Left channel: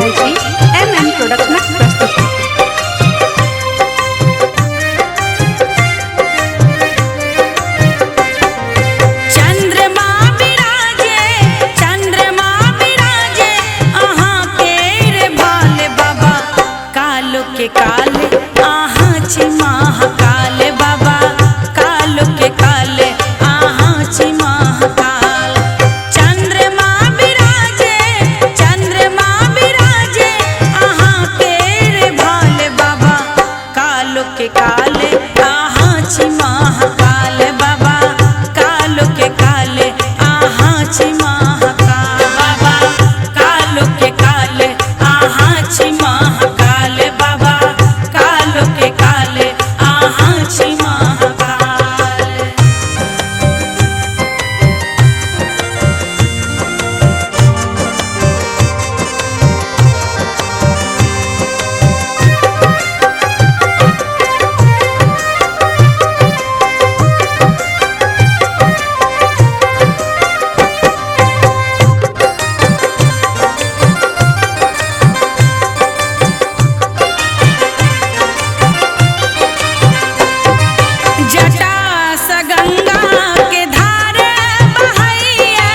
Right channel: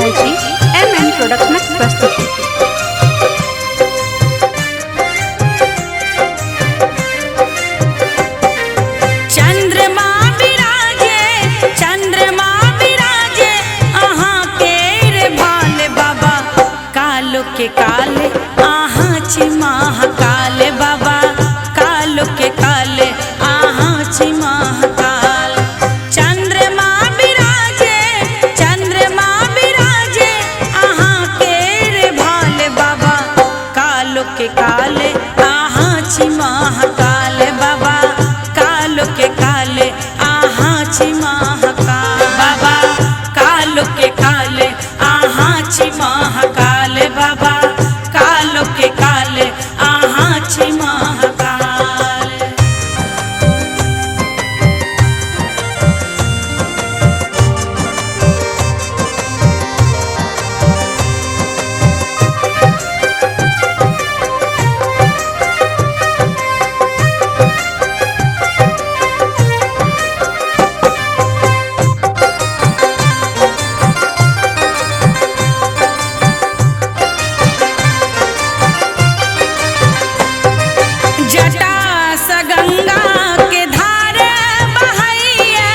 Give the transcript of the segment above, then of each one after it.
सुंदर जी MM production प्रस्तुति। के काले आहाँ ची महाकाल बाबा, कालो के काले आहाँ ची महाकाल। चंद्रमा बिराजे आहाँ के रे भाले बाबा, कालो के काले आहाँ ची महाकाल बाबा, कालो के काले आहाँ ची महाकाल बाबा, कालो के काले आहाँ ची महाकाल बाबा, कालो के काले आहाँ ची महाकाल। जटा स गंगा के धार बहैया,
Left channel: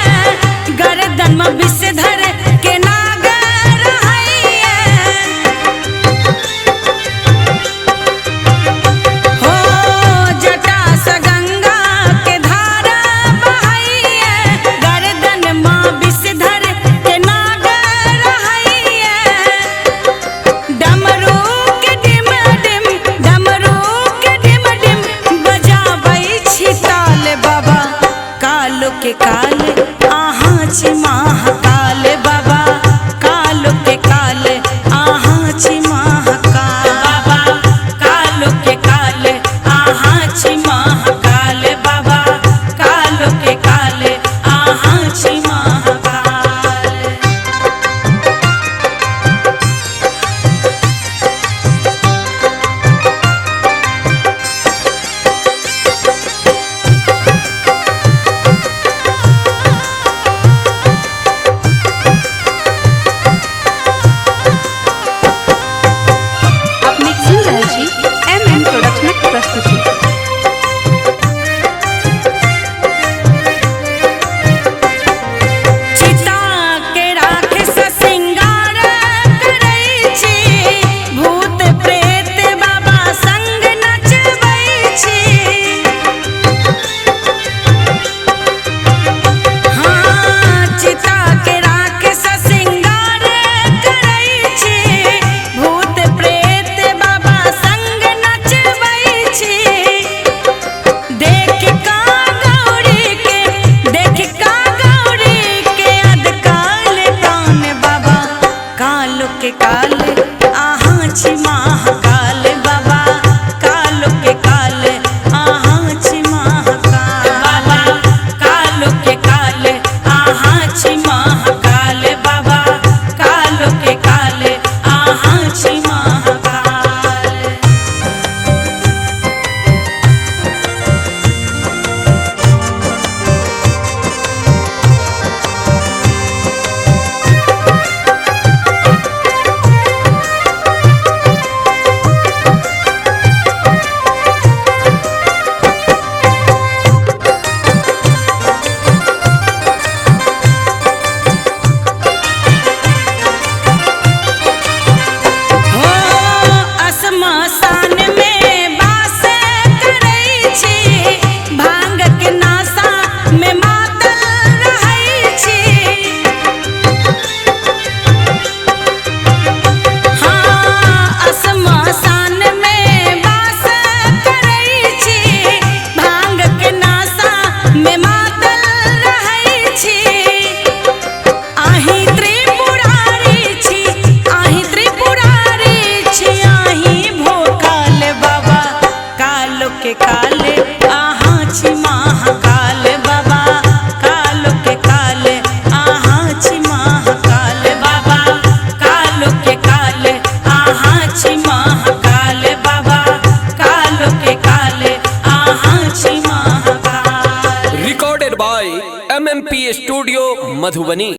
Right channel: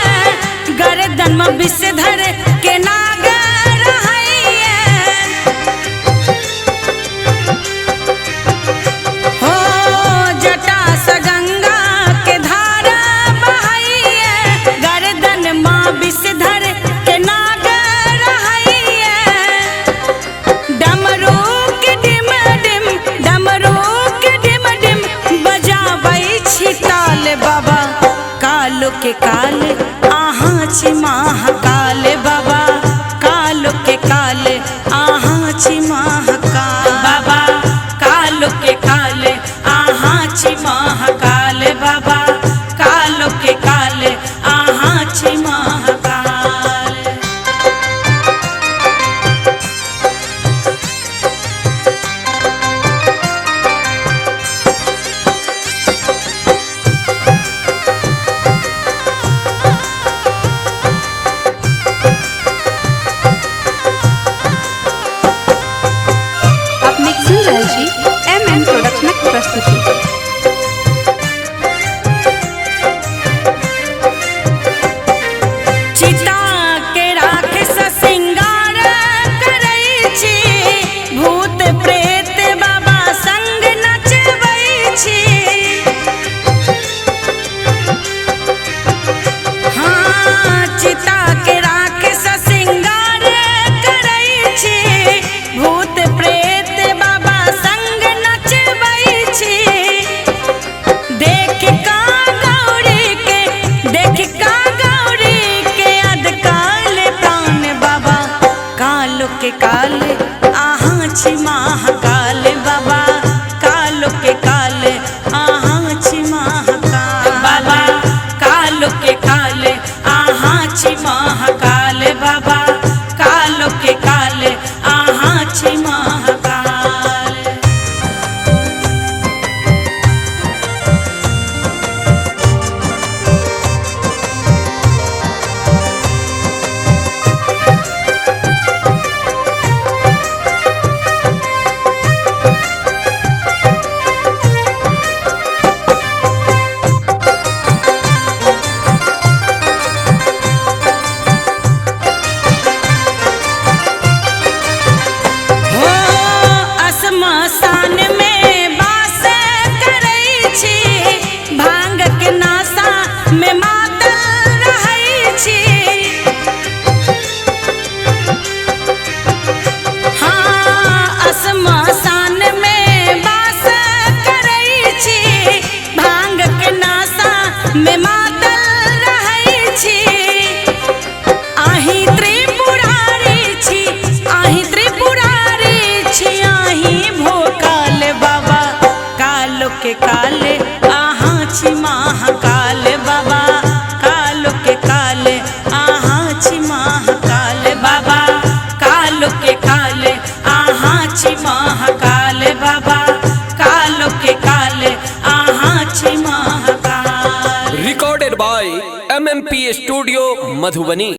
गर्दन में विषधर के नागर हैया। हो जटा स गंगा के धार बहैया, गर्दन में विषधर के नागर हैया। डमरू के डिम डिम, डमरू ताल बाबा, कालो के काले आहाँ ची महाकाल बाबा, कालो के काले आहाँ ची महाकाल बाबा, कालो के काले आहाँ ची महाकाल बाबा, कालो के काले आहाँ ची महाकाल। सुंदर जी MM प्रोडक्शन प्रस्तुति। चिता के राक्षस सिंगार करै छी, भूत प्रेत बाबा संग नचबै छी। हाँ चिता के राक्षस सिंगार करै छी, भूत प्रेत संग नचबै छी। देख का गौरी के अधकाल प्राण बाबा, कालो के काले आहाँ ची महाकाल बाबा, कालो के काले आहाँ ची महाकाल बाबा, कालो के काले आहाँ ची महाकाल बाबा, कालो के काले आहाँ ची महाकाल। श्मशान में वास करै छी, भांग के नासा में मातल रहै छी। हाँ श्मशान में वास करै छी, भांग के नासा में मातल रहै छी। आही त्रिपुरारी छी, आही त्रिपुरारी छी, आही भोकाल बाबा, कालो के काले आहाँ ची महाकाल बाबा, कालो के काले आहाँ ची महाकाल बाबा, कालो के काले आहाँ ची महाकाल बाबा, कालो के काले आहाँ ची Mahakal. Recorded by MMP studio Madhubani.